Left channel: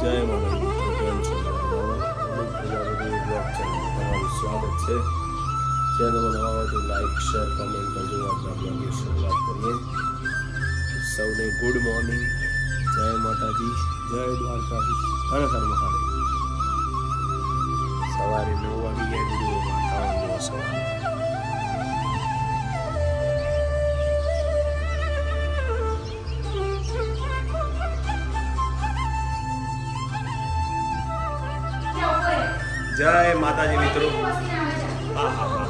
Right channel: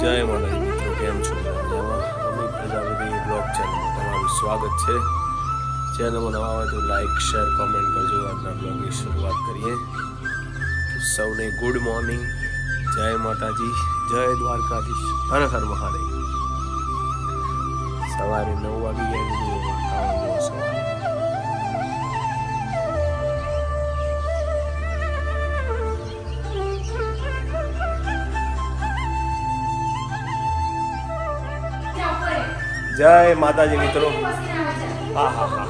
જય માતાજી મિત્રો, કેમ છો? અમિત પ્રજાપતિ બ્લોગ ચેનલ તમારું સ્વાગત છે. ચેનલમાં નવા હોય તો લાઈક શેર કોમેન્ટ કરજો. આજના બ્લોગની શરૂઆત કરીએ. સૌને ગુડ મોર્નિંગ જય માતાજી. જય દ્વારકાધીશ. હર હર મહાદેવ. જય માતાજી મિત્રો. હા હા હા.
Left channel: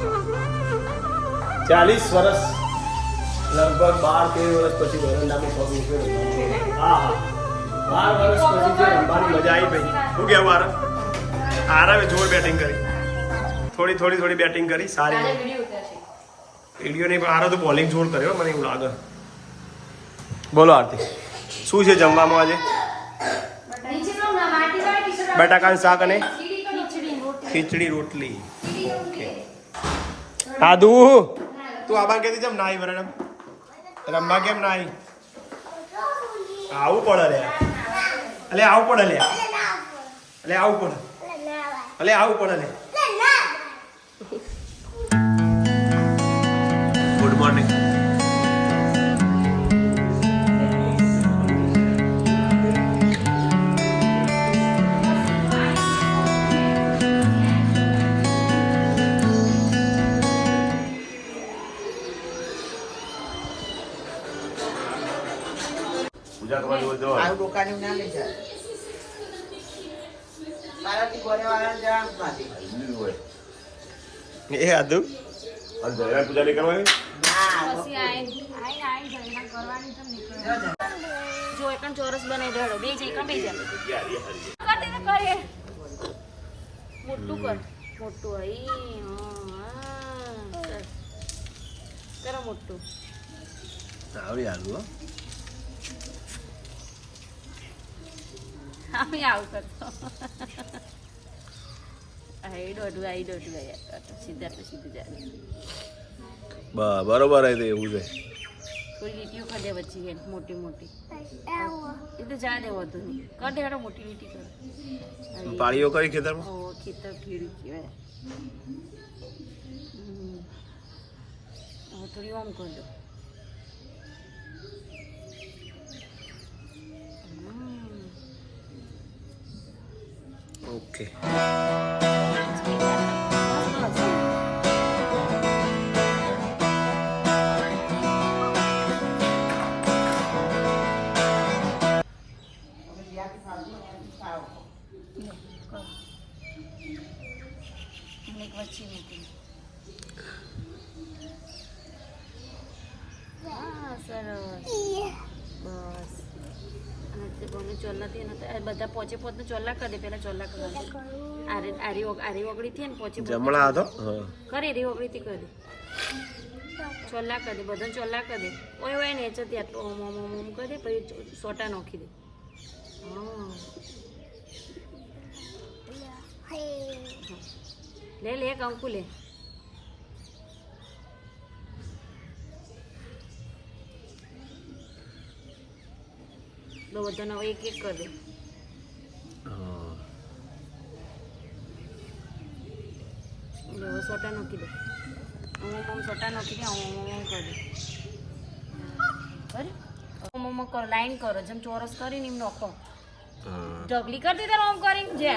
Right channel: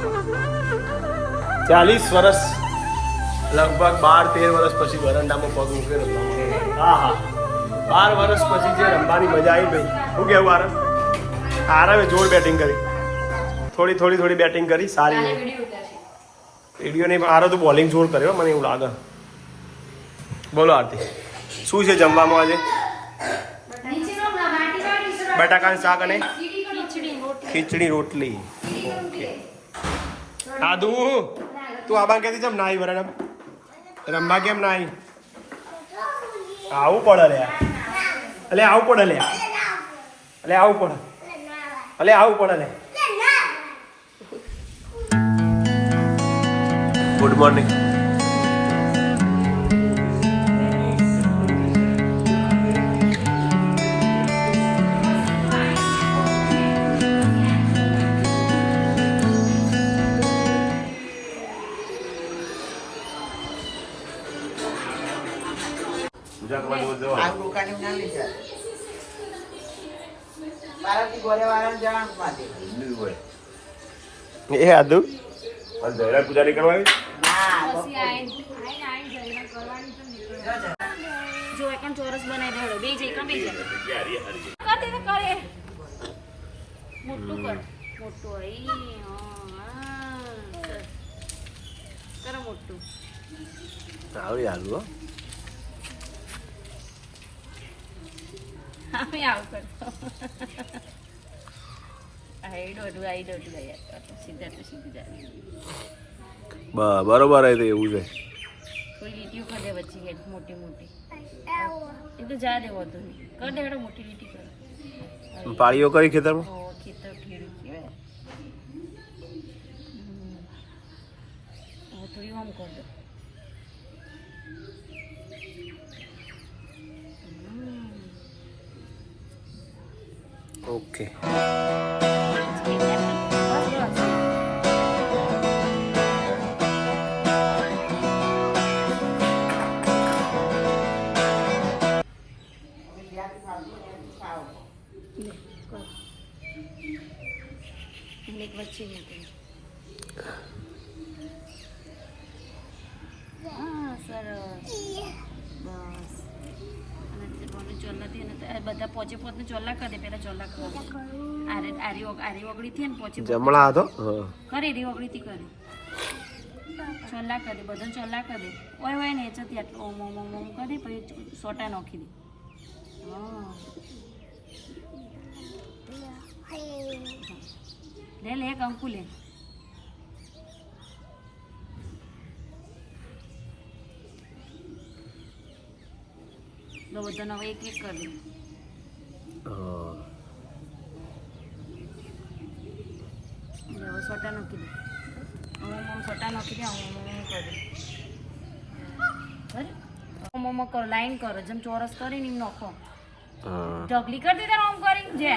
ચાલીસ વર્ષ લગભગ બાર તેર વર્ષ પછી વરંડામાં પગ મૂકે હા હા. બાર વર્ષ પછી જે રમવાની મજા આવી ભાઈ શું કેવું આરામ આરામે જોર બેટિંગ કરી. થોડી થોડી થોડી બેટિંગ કરી સારી વીડિયો નહીં પણ આરો તો બોલિંગ જોર કર્યો મને એવું લાગે. બોલો આરતી. શું છે જમવામાં આજે? બટાકાનું શાક અને ખીચડી રોટલી. ઓકે. આદુ! તું આબા કેતી જમ નાઈ બરાબર રમવા કેમ નાઈ? આવું પડે લે અલે આવું પડે લે અલે આવું પડે. અલે આવું પડે લે ગુડ મોર્નિંગ આ દુકાને ના લઈ જાય મારાથી ઘરે વાળાને જવાનું માંથી એ આદુ? પૂજા નહીં કરવા ના જો એકમ ચોરસ બનાવી દેડો બે જઈ કાં બે જા તો કરે. મોટું કર. મોટું હઈ હા. કરો મોટું. આવડી આદુ અમે આવું કરતો આઈ દોડું આઈ દોડું યાર સીધા તો સીધું જાય બ- બરોબર આવી એવું છે કોઈ લીટીઓ ખાધે વચ્ચે હેડ મોટી મોટી એ તો જા દેવો વધુ નહીં કર દે હેડો મોટી લીટી કરે પાળીઓ કરી ખેતરમાં ઓ ખેતર ખેડું કહેવાય. હવે થોડી આમ કર દો ઓકે લે, કર. અને એક વચ્ચે મૂકી દે. હા સરસ બસ અને તે બંને ચોલ્લા થી ને તે- બધા પોચે પોતને ચોલ્લા કરી દે પેલા ચોલ્લા કરી આરે આરી આરી ઓગળી થી ને પોચે જમણા હતો કરી રી ઓગળી થી કરી ચોલ્લા કરી દે બધાને ચોલ્લા કરી દે. ઓય ઓય ને એચો ત્યાં ઓમ ઓમ ઓમ ઓમ કરી દે પછી સોટા નોખી દે. લે લે કંકુ લે. લો બધાનો એક એક કરી દે હા સોટા નાખી દે. ઓમ ઓમ સોટા નાખી દે ઓમ ઓમ ઓમ કરી બરાબર? ઓમ ઓમ કરો લાઈન કરો જેમ ચોરસ કરીને એમ નાખો. ઢગલી કરી દીધા ઓમ કરીને જે?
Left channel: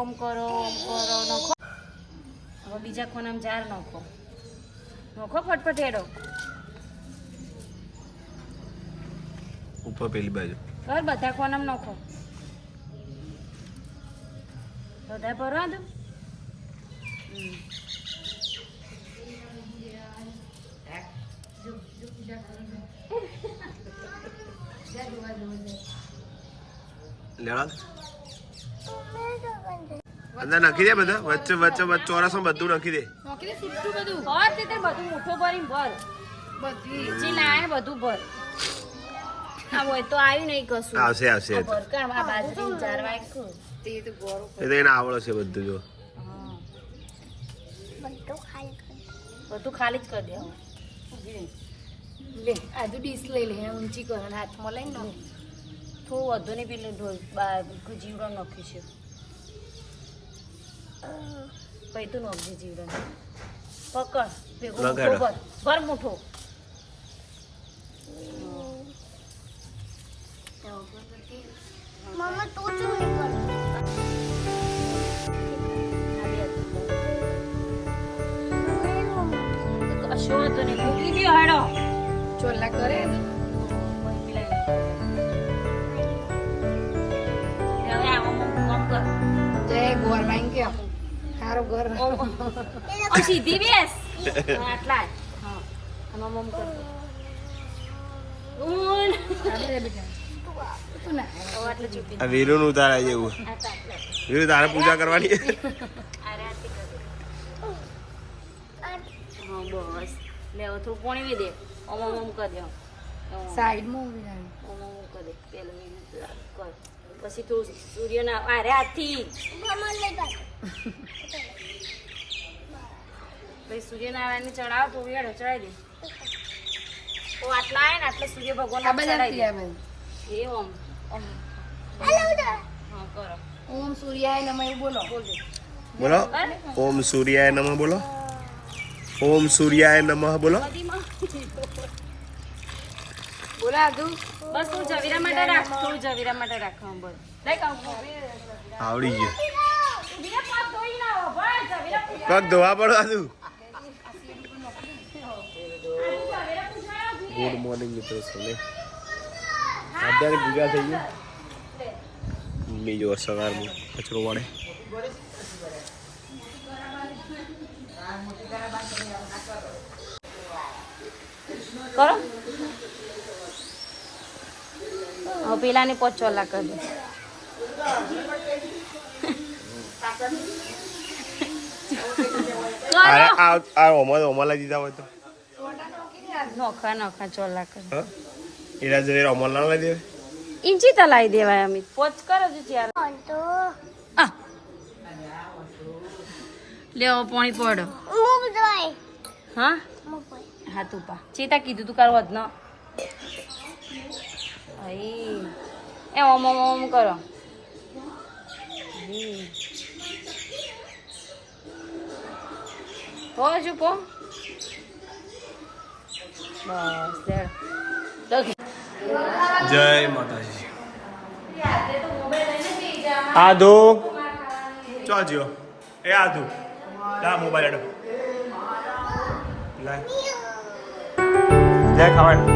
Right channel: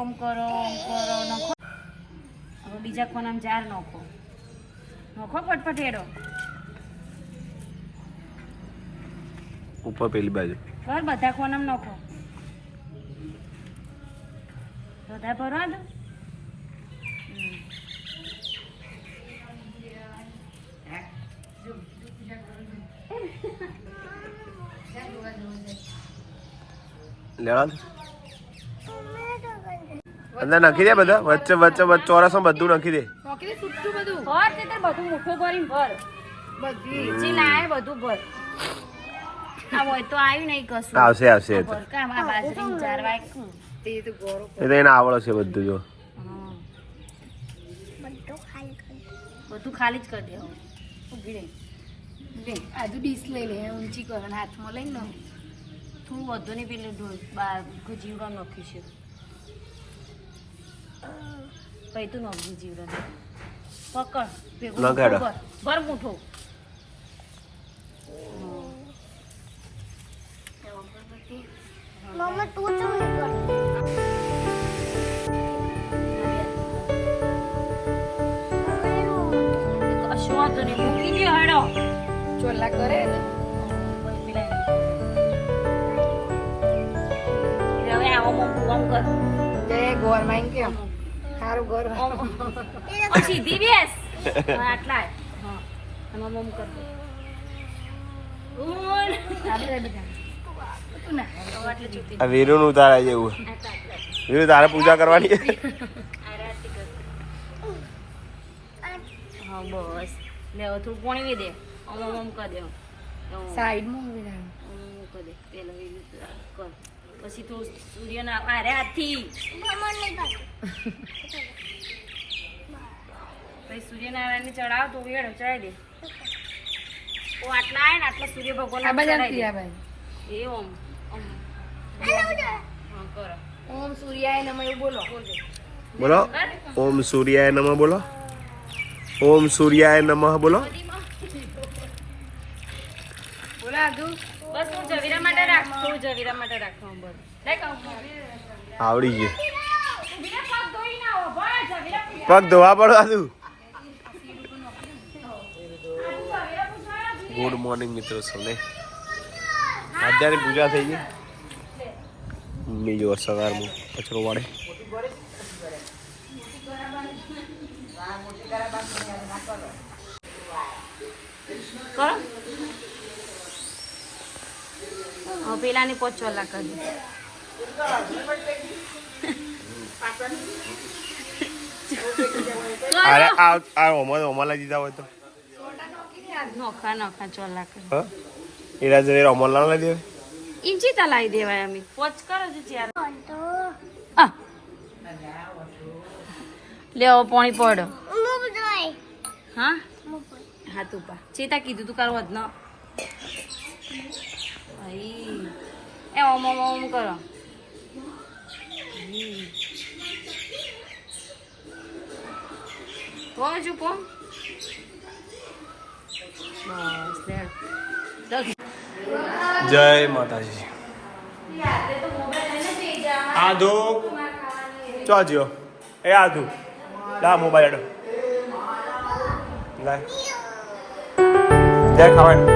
ઓમ કરો ઓમ કરો નાખો. હવે બીજા કોનામાં જાર નાખો. નાખો ફટફટ હેડો. ઉપર પેલી બાજુ. બધા કોનામાં નાખો. બધા ભરવા દો લેવા દે. અંદર નાખી દે બધા? વચ્ચે વચ્ચે વચ્ચે ચોરસમાં બધું નાખી દે. મોકલી સુટ્ટું બધું. ભર તે તે બધું મુઠ્ઠો ભરીને ભર. બધી. જે લાય બધું ભર. તો આવ્યું નહીં કશું. આવશે આવશે એ તો. એને આવડે છે બધું જો. બધું ખાલી જ કરી રહી. લે આજુ ડીશ લઈ લે ઊંચી કરો અને હાથમાં લઈને લો થોડું વધુ નહીં પેલું ઢોલ જીવડા નાખ્યું છે. પછી તું નાખજે જીવડા પકડ ભેગો લગાડો. ભર. મૂઠો. કશો વાંધો નહીં. મૂકી હેડો ચોલા કરે ને. હવે આવો મમ્મી આમ કર. જય ગોરમાઈન કેમ સારું ઘર. ઓમ. ઓમ સીધી બેસ. આટલા ઓમ કર ના. આ વીરુનું ઉતારા જેવું. વીરુ તારે પૂજા કરવાની? બસ. લે હવે થોડું પોણી દે. ઓમ ઓમ કર દે ઓમ. ઓમ સાઈડનું ઊભી રહે. ઓમ ઓમ કર દે પેલું વીરું કર. પછી સૂર્ય સૂર્યના અરે હાથી પછી સૂર્યનારાયણને ચડાવ તો ચડાવી દે. તો આટલા આવે ને આટલા સૂર્ય ભગવાન ચડાવી દે. એ ઓમ ઓમ હા કરો. ઓમ સૂર્યાય નમ એવું બોલો. બોલો. ઓમ સૂર્યાય નમ બોલો. ઓમ સૂર્યાય નમઃ બોલો. બસ તું જવીરા માટે રાખ તું જવીરા માટે રાખ બોલ. લાઈક આવડી ગયું. પગ ધોવા પડો આદુ ગુડ મોર્નિંગ મિત્રો સૌને. અત્યારે પૂજા થઈ ગઈ. મમ્મી જો સવારમાં કચરો વાળે. કરો હવે પેલાની પોચ ચોલા કરી અરે આ આ ઓમાં ઓમાં લઈ દીધા હોય તો. નોખા નોખા ચોલા કરી એના જોડે ઓમાં ના લઈ દેવાય? ઇંચી તલાઈ દેવાય અમે. પોચ કરો છો ચાર આ લે પાણી પડો. હા? હા તું પા. ચેતા કીધું તું કરવા જ ન. અહીં. એ ઓમ ઓમ ઓમ કરો. પો હજુ પો. જય માતાજી. આધુ, ચો એ આધુ, લા, મોબાઈલ લાય. જય ખાવાનું.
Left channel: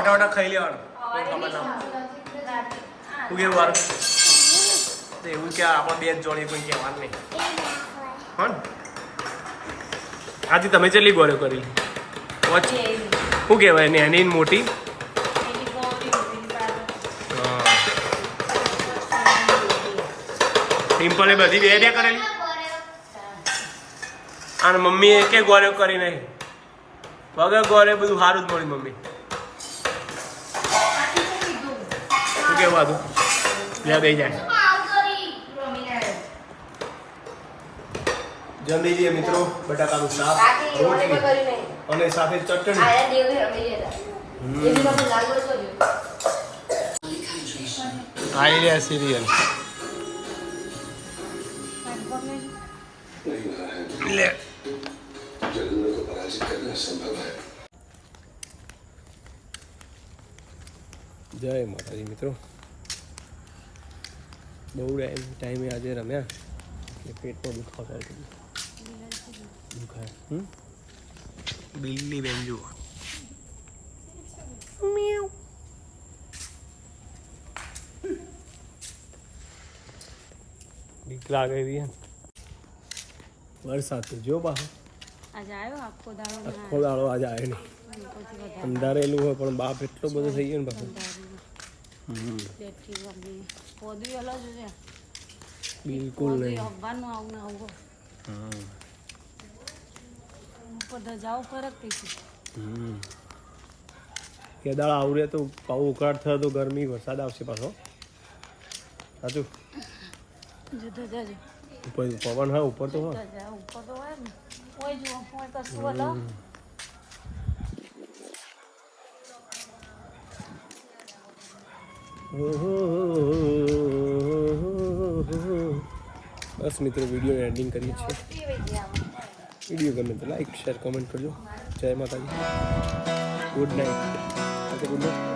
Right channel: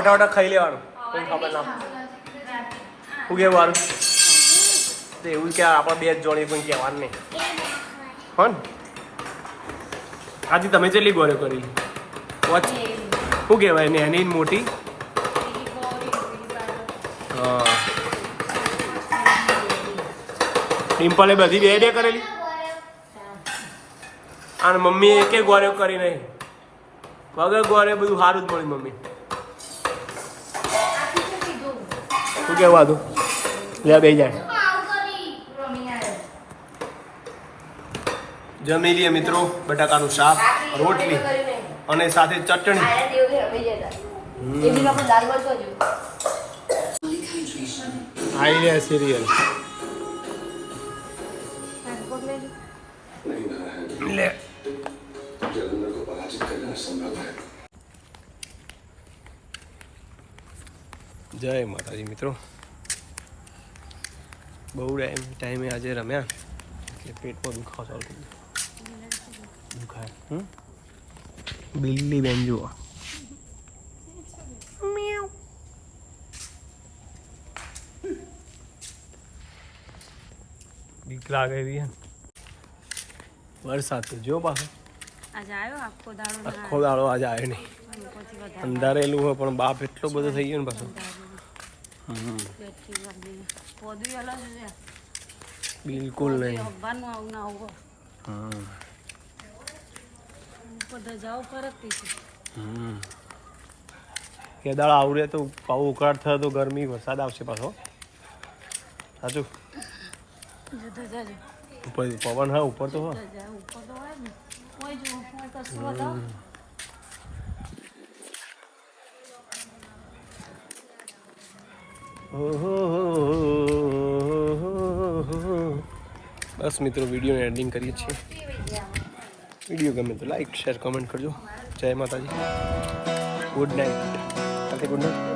વાટા વાટા ખાઈ લેવાનું. કે મારું? તો એવું કે આપણે બે જ જોડી પણ કહેવાનું નહીં. હો ને આજે તમે ચેટલી ગોળ્યો કરી વોચ. શું કહેવાય ને એની ને મોટી? હા. ડિમ્પલે બધી બે બે કરેલી? અને મમ્મીએ એકે ગોળ્યો કરી નહીં? વગર ગોળ્યો બધું સારું જ મળ્યું મમ્મી. કેવું આતું લે બે જાય. જમી લઈએ મિત્રો બટાકાનું શાક રોટલી અને સાથે ચટણી. આવી રહ્યા સિરિયલ લે જય માતાજી મિત્રો. બહુ ટાઈમ ટાઈમે આજે રમ્યા એટલે પેટમાં દુખાવો ચાલુ થઈ ગયો. દુખાય. બિલ્લી બેન જુઓ. બીક લાગે એવી હે. વરસાદ તો જો પાછો. આજે આવ્યો આખો દાડો આખો દાડો આજે આવે નહીં. અંધારેલું હોય પણ બાપ એટલો બધો થઈ ગયો ને પાછો. બિલકુલ નહીં અખબારનું આવું ના આવું હમ જાવ હમ કેદાળ આવડે તો પાવ ઉકળાટ થયો તો ગરમી વરસાદ આવશે પાછો સાચું ઉપર પવન હા ઉપર તો હા કોઈ જો કોઈ કશું બતાવો બસ મિત્રો, વિડીયોને એન્ડિંગ કરીએ છીએ. વીડિયો ગમે તો લાઈક શેર કમેન્ટ કરજો. જય માતાજી. Good night good night